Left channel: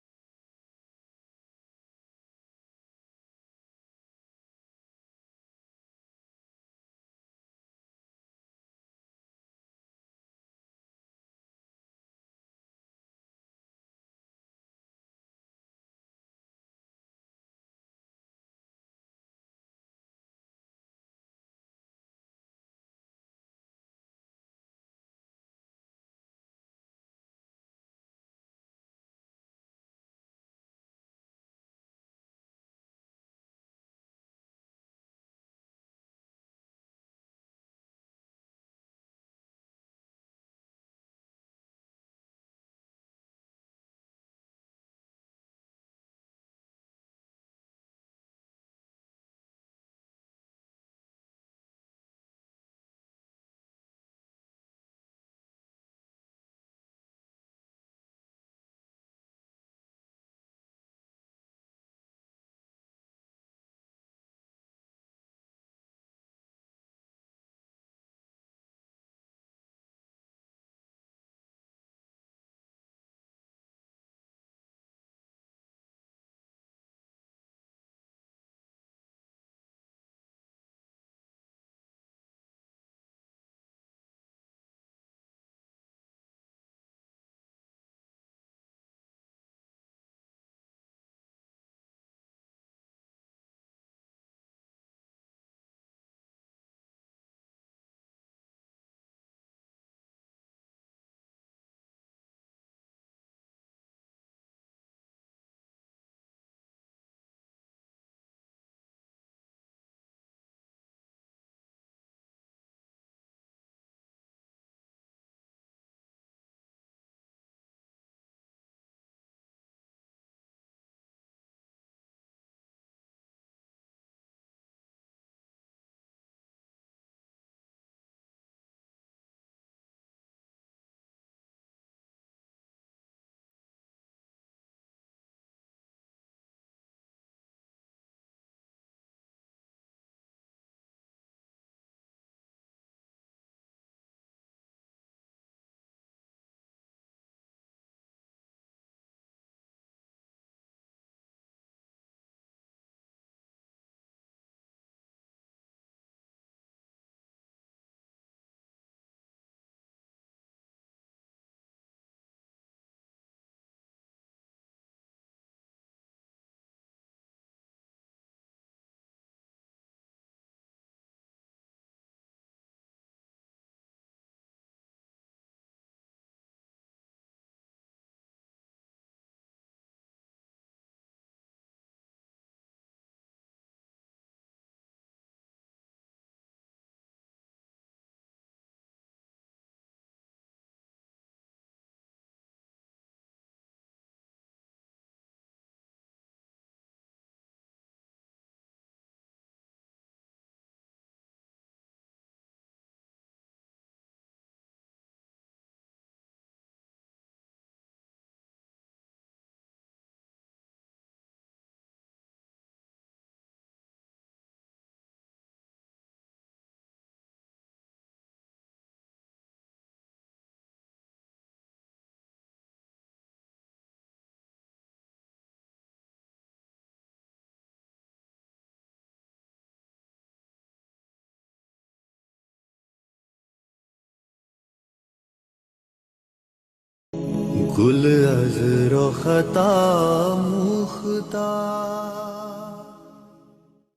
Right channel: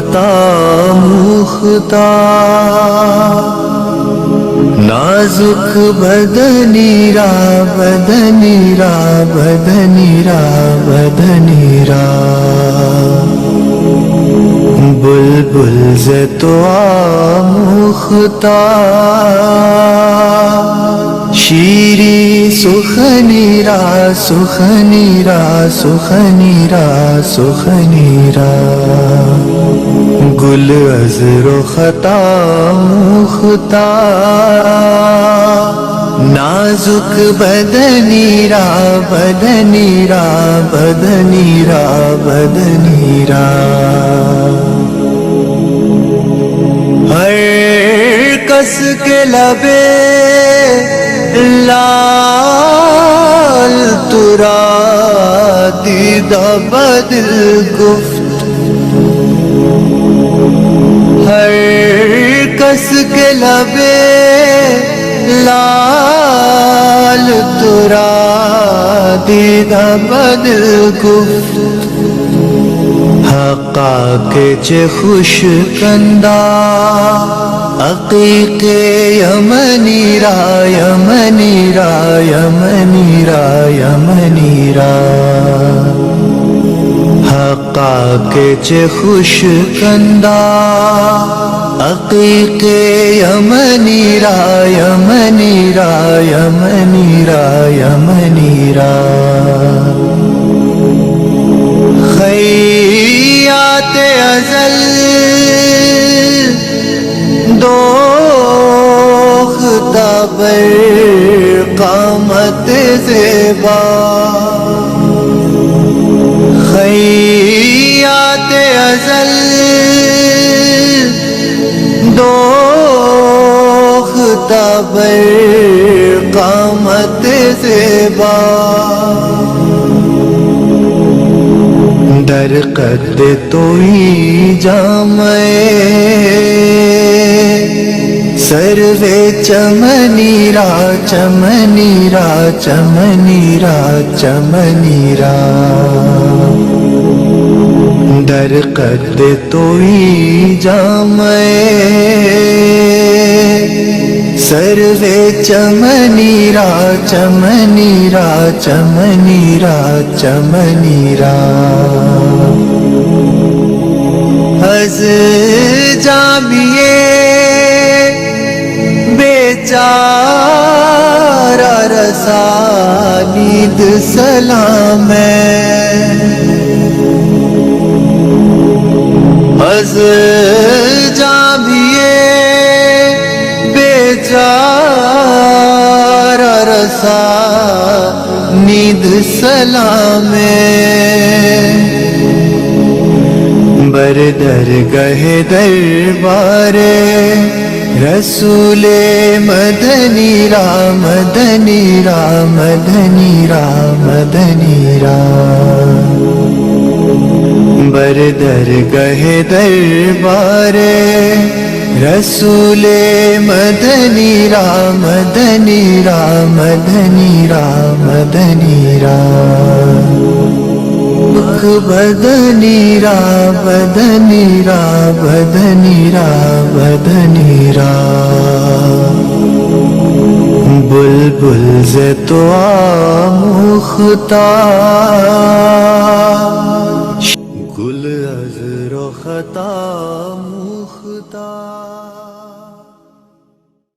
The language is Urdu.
خطا مختار نازک بدنی را بدنی را بدنی را بدنی را بلبل ز تو آموختار شیری سخنی را سخنی را سخنی را سخنی را گل از رخت آموختار نازک بدنی را بدنی را بدنی را بدنی را ہر کس کے لبے لال ترا دیدہ بدل گفت ہر کس کے لبے لال ترا دیدہ بدل گفت حقا کے چه خوش کندا عقیق یمنی را یمنی را یمنی را یمنی را حقا کے چه خوش کندا عقیق یمنی را یمنی را یمنی را یمنی را خیات ازل دوختا بر قامت زیبا خیات ازل دوختا بر قامت زیبا در قد توئی جامع سروے چمنی را چمنی را چمنی را چمنی را در قد توئی جامع سروے چمنی را چمنی را چمنی را چمنی را از جامیے بیچارہ رسانید سلام از جامیے بیچارہ رسانید سلام بر درگہ دربار رسول مدنی را مدنی را مدنی را مدنی را بر درگہ دربار رسول مدنی را مدنی را مدنی را مدنی را بدنی را بدنی را بدنی را بدنی را بلبل ز تو آموختار گل از رخت آموختار